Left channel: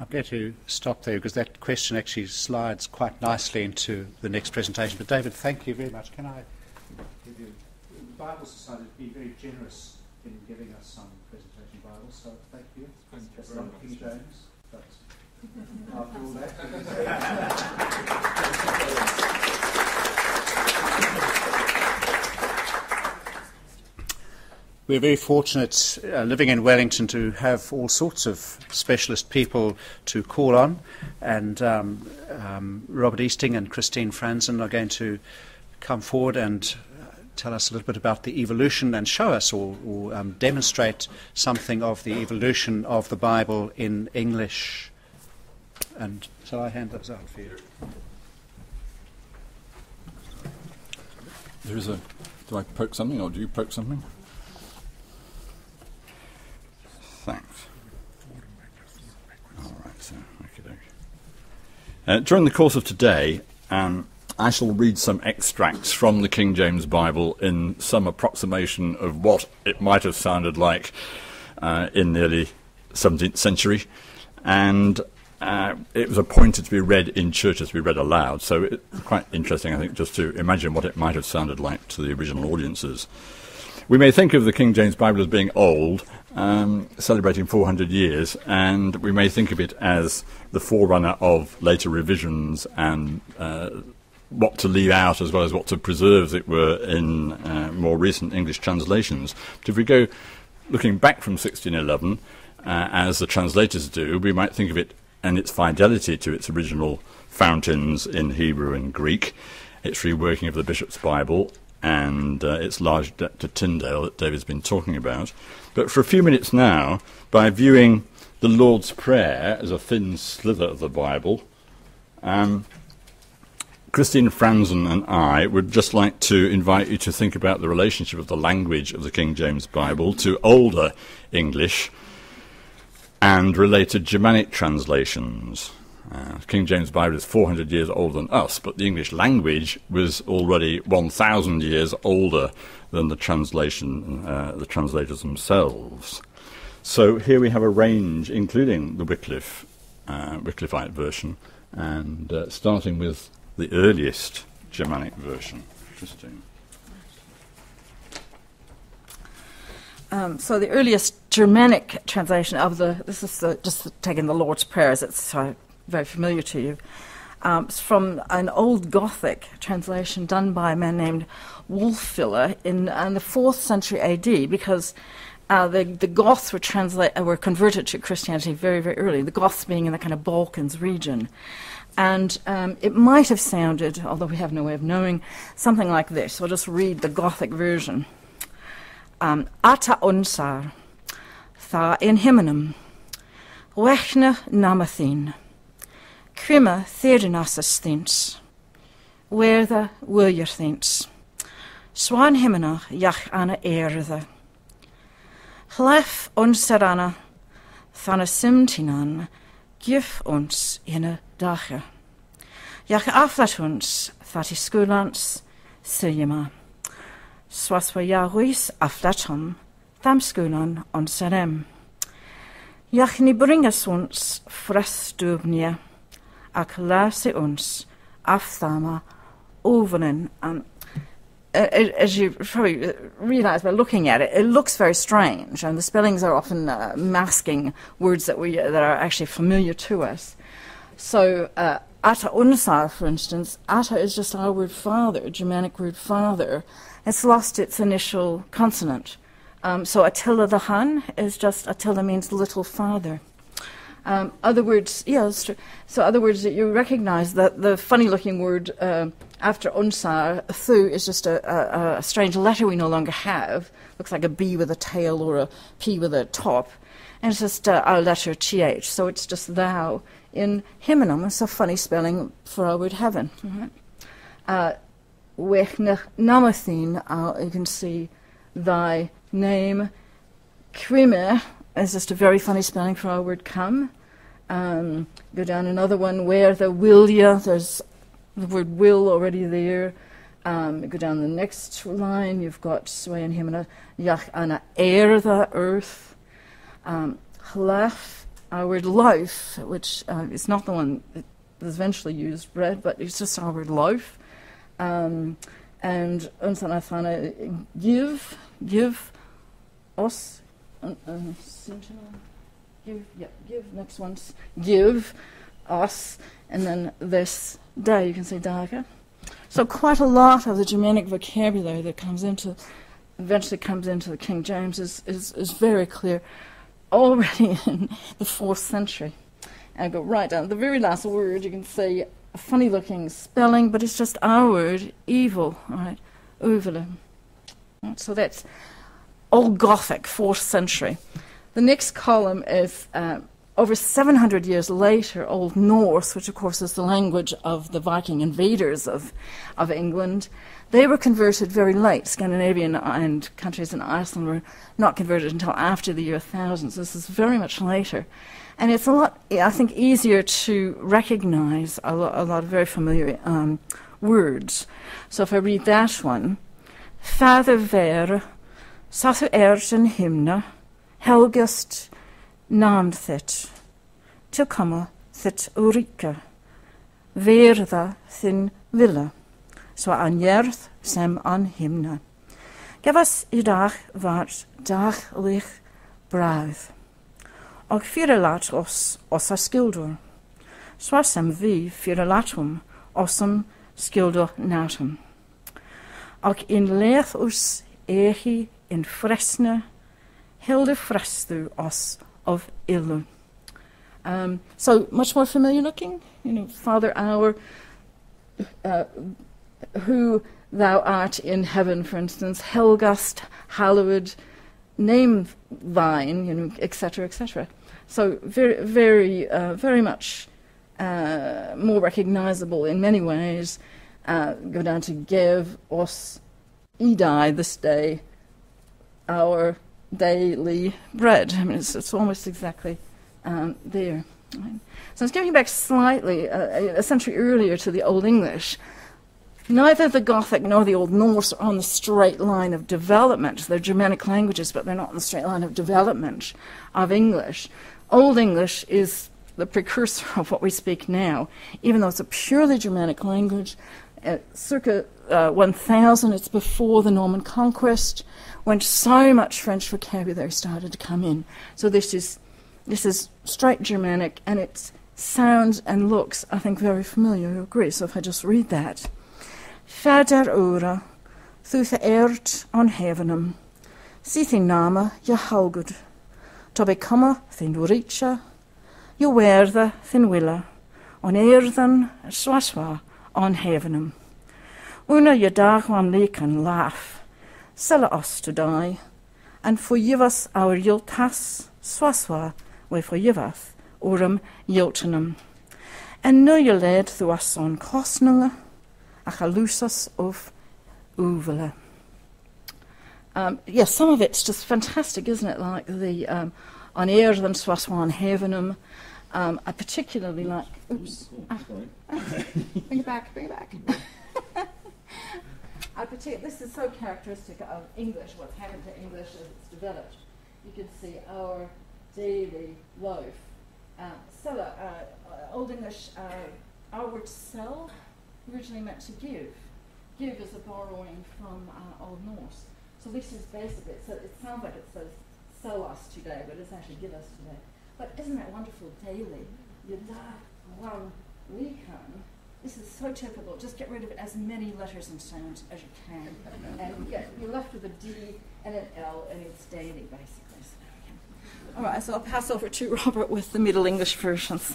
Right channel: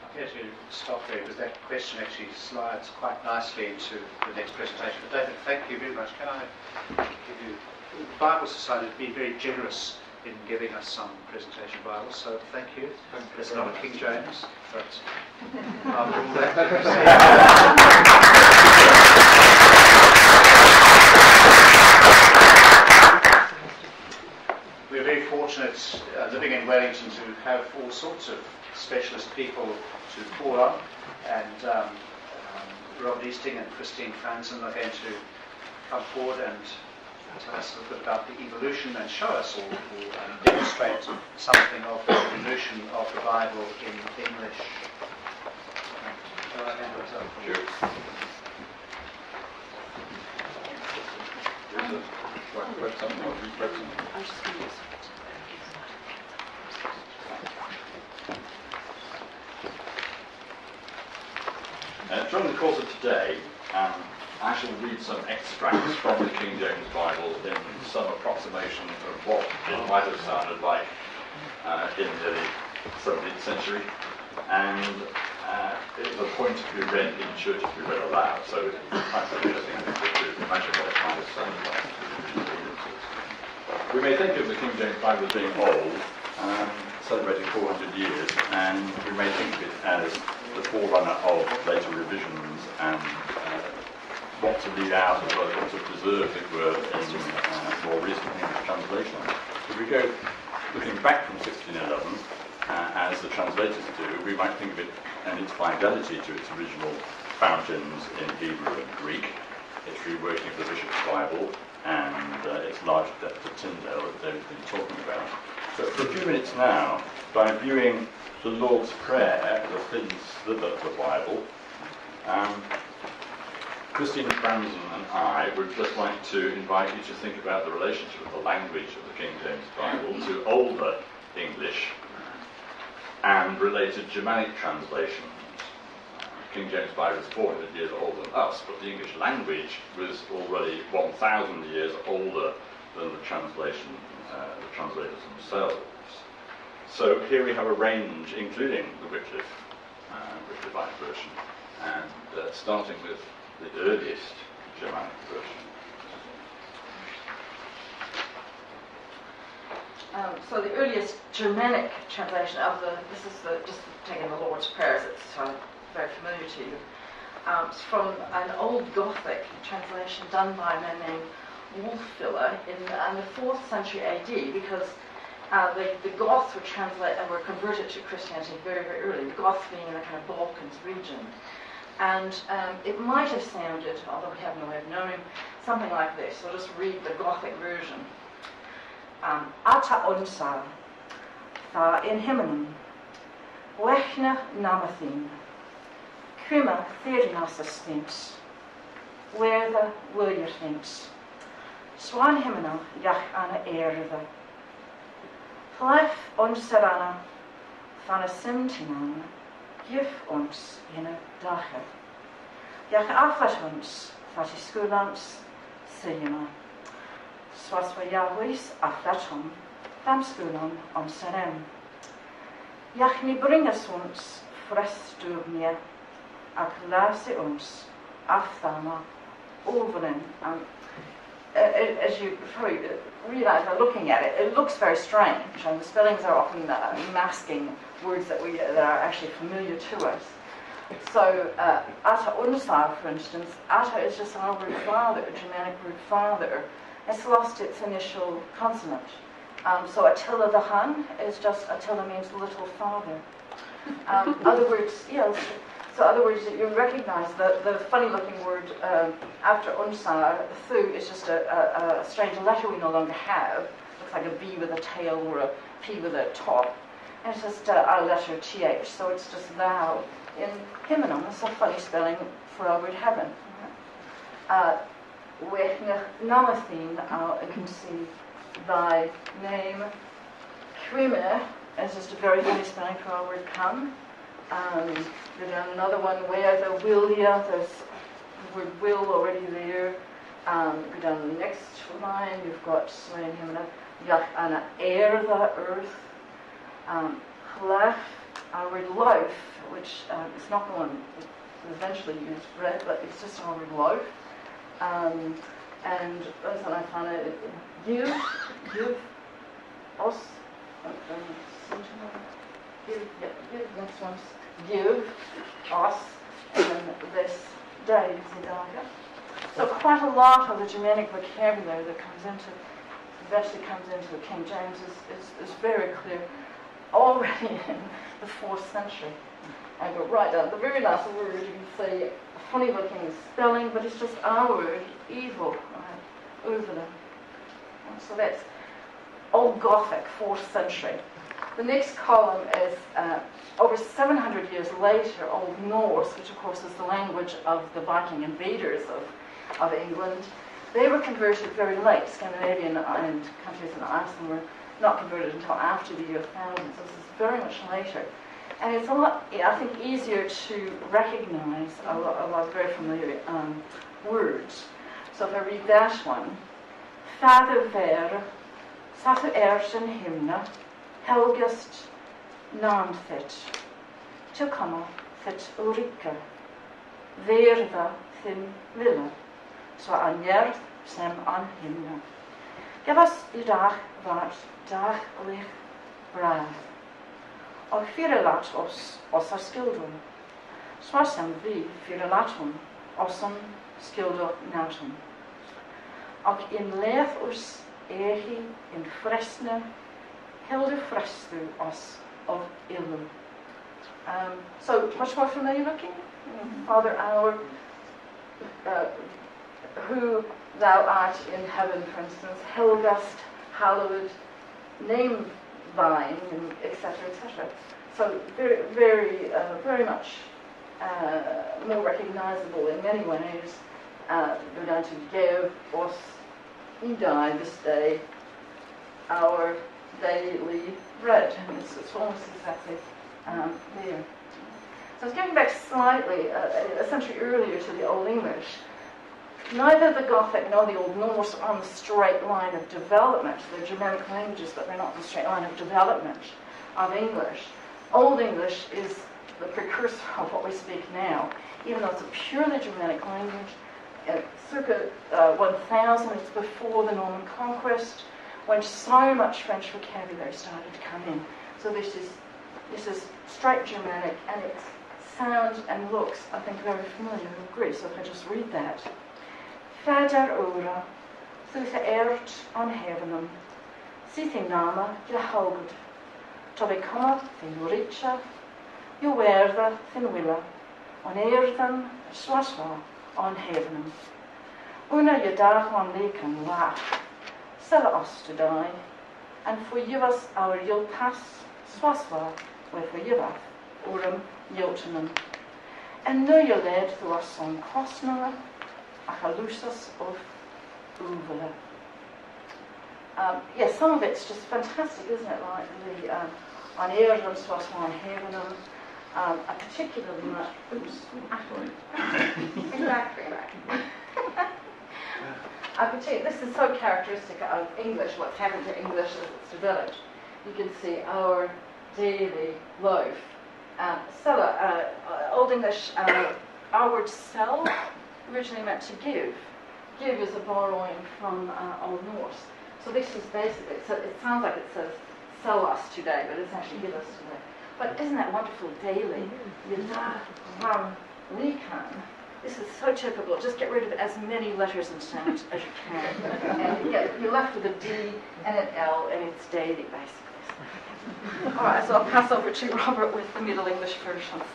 I'm going to stop there because that question actually slides quite nicely into the next presentation. But David, thank you very much. Can I give you... The Bible Society has been very generous in giving us some presentation Bibles, so thank you. It's not a King James, but we're very fortunate living in Wellington to have all sorts of specialist people to call on, and Robert Easting and Christine Franzen are going to come forward and tell us a little bit about the evolution and show us or demonstrate something of the evolution of the Bible in English. And so I'll hand those out for you. Do I poke something or do you poke something? Thanks. During the course of today, I shall read some extracts from the King James Bible in some approximation of what it might have sounded like in the early 17th century, and it was appointed to be read in churches, to be read aloud, so it's quite interesting, I think, just to imagine what it might have sounded like to the original audiences. We may think of the King James Bible as being old, celebrating 400 years, and we may think of it as the forerunner of later revisions and what to leave out as well as what to preserve, as it were, in more recent English translations. So if we go looking back from 1611, as the translators do, we might think of it and its fidelity to its original fountains in Hebrew and Greek, its reworking of the Bishop's Bible, and its large depth of Tyndale that David's been talking about. But for a few minutes now, by viewing the Lord's Prayer as a thin sliver of the Bible, Christine Franzen and I would just like to invite you to think about the relationship of the language of the King James Bible to older English and related Germanic translations. King James Bible is 400 years older than us, but the English language was already 1,000 years older than the translation, the translators themselves. So here we have a range, including the Wycliffite version, and starting with the earliest Germanic version. So the earliest Germanic translation of this is just taking the Lord's Prayer, as it's very familiar to you. It's from an old Gothic translation done by a man named Wulfila in the 4th century AD, because the Goths were converted to Christianity very, very early, the Goths being in the kind of Balkans region. And it might have sounded, although we have no way of knowing, something like this. So I'll just read the Gothic version. Ata unsar, tha in himmenum, wechne namathin, crima therenasis thins, werthe wiljer thins, swan himmenach jach anna erde. Hlef unsarana, thana simtinan, gif ons in dache. Jach aflat ons, thati skulans, siljema. Swaswa jaruis aflatom, tham skulan onserem. Jach ni bringas ons frestugnia, ak lase ons afthama ovenen. As you probably realise by looking at it, it looks very strange, and the spellings are often masking words that are actually familiar to us. So, ata unsar, for instance, ata is just our word father, Germanic word father. It's lost its initial consonant. So Attila the Hun is just, Attila means little father. Other words, yes. So other words that you recognise that the funny-looking word after unsar, thu, is just a strange letter we no longer have. Looks like a B with a tail or a P with a top, and it's just our letter th. So it's just thou in himmenum. It's a funny spelling for our word heaven. Wechne namathin, you can see thy name. Crime is just a very funny spelling for our word come. Go down another one, where the willia, there's the word will already there. Go down the next line, you've got swain himna, yach ana erde, earth. Chlef our word loaf, which is not the one that is eventually used, bread, but it's just our word loaf. And ons dan van give us, give next one's give us, and then this day, you can say daga. So quite a lot of the Germanic vocabulary that eventually comes into the King James is very clear already in the 4th century. And I go right down to the very last word, you can see a funny looking spelling, but it's just our word, evil, right? Uvula. So that's Old Gothic, 4th century. The next column is over 700 years later, Old Norse, which of course is the language of the Viking invaders of England. They were converted very late. Scandinavian and countries in Iceland were not converted until after the year 1000. So this is very much later. And it's a lot, I think, easier to recognize a lot of very familiar words. So if I read that one, Father ver, sathu in himna, helgast namthit, tilkama thit urika, verda thin villa, so an yerth sem an himna. Gavas idag vart dag lich brav. Och fyralat oss a skildur. Swasam vi fyralatum ossum skildur natum. Och in leith us ehi in fresne, hilde frestu os of illu. So much more familiar looking, Father our, who thou art in heaven, for instance, helgast, hallowed, name thine, etc., etc. So very much more recognizable in many ways. Go down to give us idai, this day, our daily bread. I mean, it's almost exactly there. So it's going back slightly, a century earlier to the Old English. Neither the Gothic nor the Old Norse are on the straight line of development. They're Germanic languages, but they're not on the straight line of development of English. Old English is the precursor of what we speak now, even though it's a purely Germanic language. Circa 1000, it's before the Norman conquest, when so much French vocabulary started to come in. So this is straight Germanic, and it sounds and looks, I think, very familiar. You agree? So if I just read that. Fader ora, thu the ert on heavenum, si thing nama je haugud, to become thin richa, je werda thin willa, on erdan swaswa on heavenum. Una je dag on leken laugh, sell us to die, and for yivas our yiltas swaswa, we for yivath, urum yiltenum. And nu je led through us on kostnunga, achalusas of uvela. Yes, some of it's just fantastic, isn't it? Like the on eerdum swaswan heavenum. I particularly like. Oops. Bring back. This is so characteristic of English. What's happened to English as it's developed. You can see our daily loaf. Old English. Our word sell originally meant to give. Give is a borrowing from Old Norse. So this is basically, so it sounds like it says sell us today, but it's actually give us today. But isn't that wonderful daily? This is so typical. Just get rid of as many letters and sounds as you can. And you're left with a D and an L, and it's daily, basically. All right, so I'll pass over to Robert with the Middle English versions.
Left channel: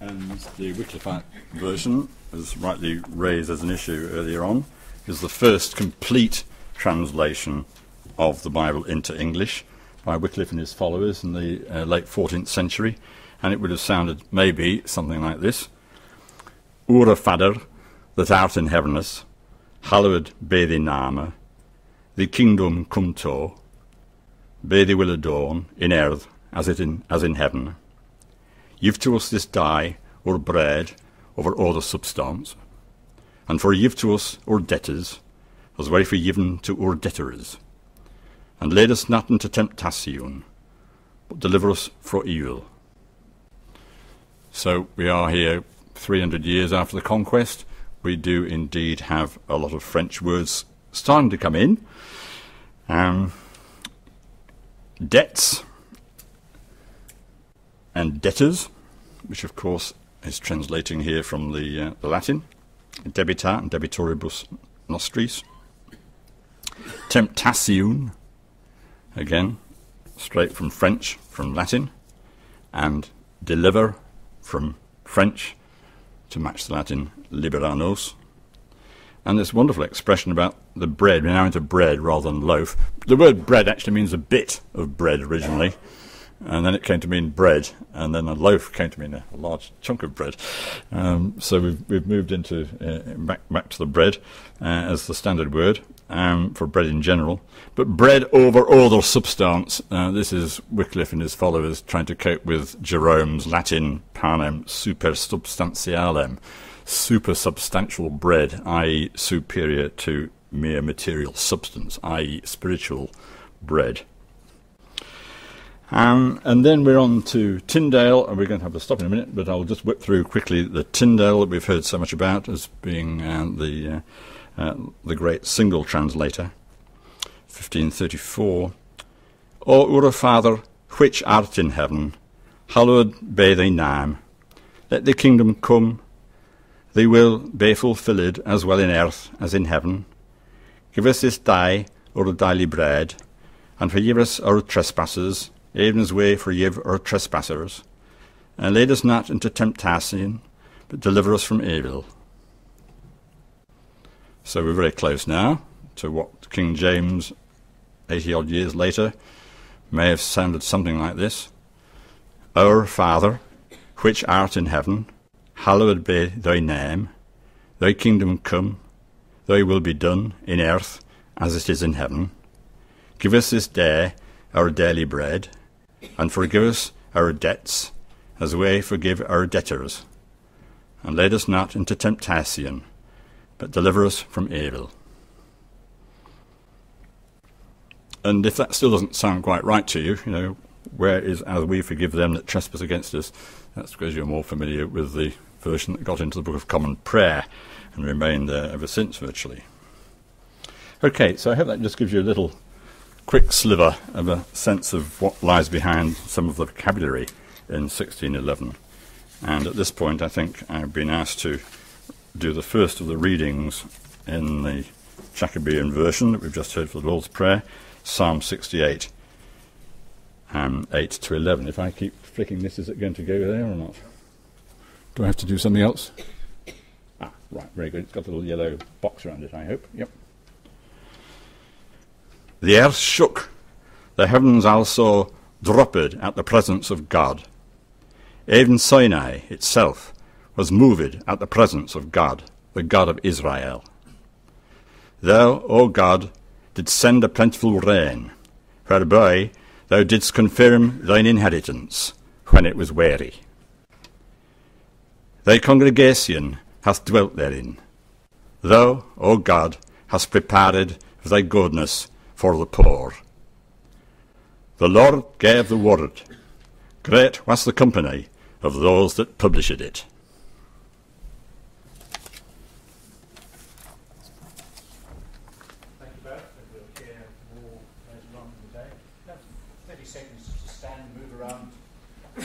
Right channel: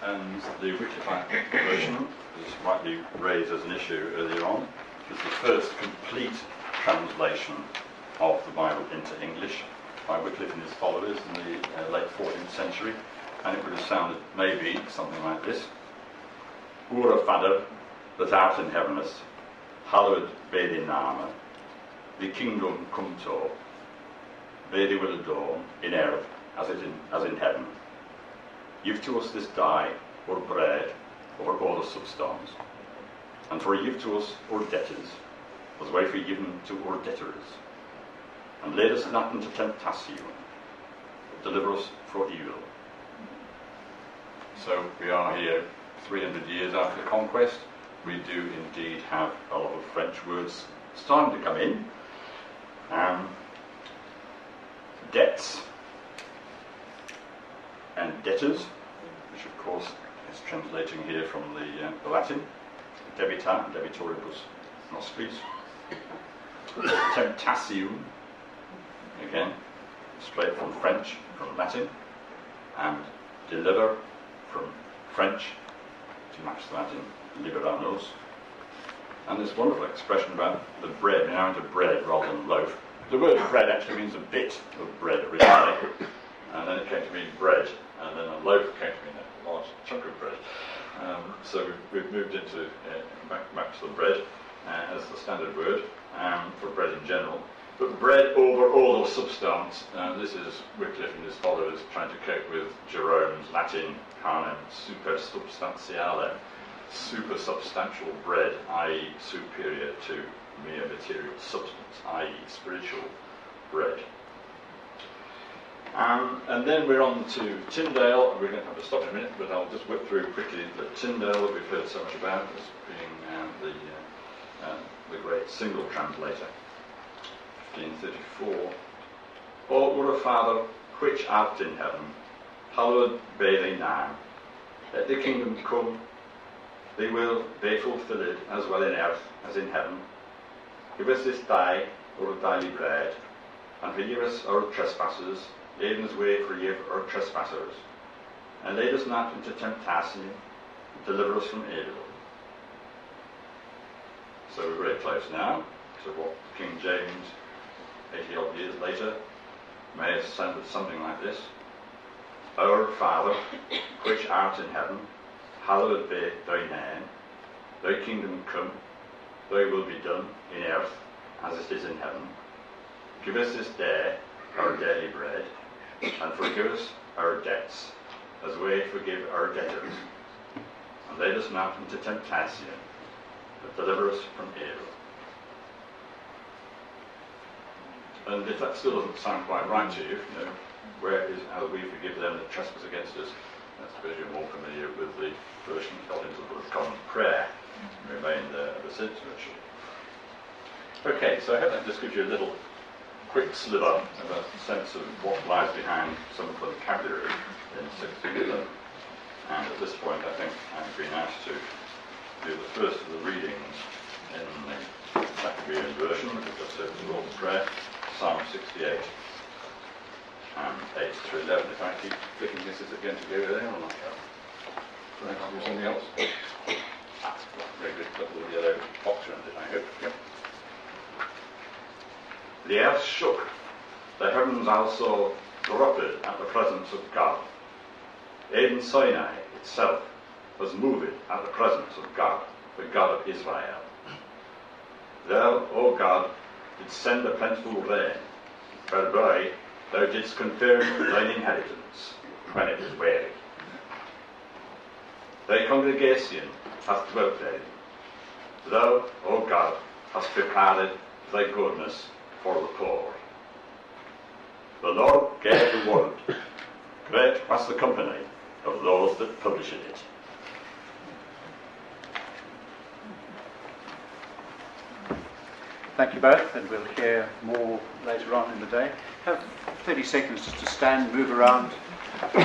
And the Wycliffe version, as rightly raised as an issue earlier on, is the first complete translation of the Bible into English by Wycliffe and his followers in the late 14th century, and it would have sounded maybe something like this. Ura Fader, that art in heavenless, hallowed be thy name, thy kingdom come to, be thy will adorn in earth as in heaven. Give to us this day our bread over all the substance, and forgive to us our debtors, as we forgiven to our debtors. And lead us not into temptation, but deliver us from evil. So we are here 300 years after the conquest. We do indeed have a lot of French words starting to come in. Debts and debtors, which of course is translating here from the Latin, debita and debitoribus nostris. Temptation, again, straight from French, from Latin, and deliver from French, to match the Latin liberanos. And this wonderful expression about the bread, we're now into bread rather than loaf. The word bread actually means a bit of bread originally, and then it came to mean bread, and then a loaf came to mean a large chunk of bread. So we've moved into back to the bread as the standard word for bread in general. But bread over other substance, this is Wycliffe and his followers trying to cope with Jerome's Latin panem supersubstantialem, super substantial bread, i.e. superior to mere material substance, i.e. spiritual bread. And then we're on to Tyndale, and we're going to have to stop in a minute, but I'll just whip through quickly the Tyndale that we've heard so much about as being the great single translator. 1534. O our Father, which art in heaven, hallowed be thy name. Let the kingdom come, thy will be fulfilled as well in earth as in heaven. Give us this day our daily bread, and forgive us our trespasses, even as we forgive our trespassers. And lead us not into temptation, but deliver us from evil. So we're very close now to what King James, 80 odd years later, may have sounded something like this. Our Father, which art in heaven, hallowed be thy name. Thy kingdom come, thy will be done in earth as it is in heaven. Give us this day our daily bread, and forgive us our debts as we forgive our debtors. And lead us not into temptation, but deliver us from evil. And if that still doesn't sound quite right to you, where is as we forgive them that trespass against us, that's because you're more familiar with the version that got into the Book of Common Prayer and remained there ever since, virtually. Okay, so I hope that just gives you a little quick sliver of a sense of what lies behind some of the vocabulary in 1611. And at this point, I think I've been asked to do the first of the readings in the Jacobean version that we've just heard for the Lord's Prayer, Psalm 68, 8 to 11. If I keep flicking this, is it going to go there or not? Do I have to do something else? Right, very good. Got a little yellow box around it, I hope. Yep. The earth shook, the heavens also dropped at the presence of God. Even Sinai itself was moved at the presence of God, the God of Israel. Thou, O God, didst send a plentiful rain, whereby thou didst confirm thine inheritance when it was weary. Thy congregation hath dwelt therein. Thou, O God, hast prepared thy goodness for the poor. The Lord gave the word. Great was the company of those that published it. Thank you both, and we'll hear more later on in the day. Have 30 seconds just to stand, move around, and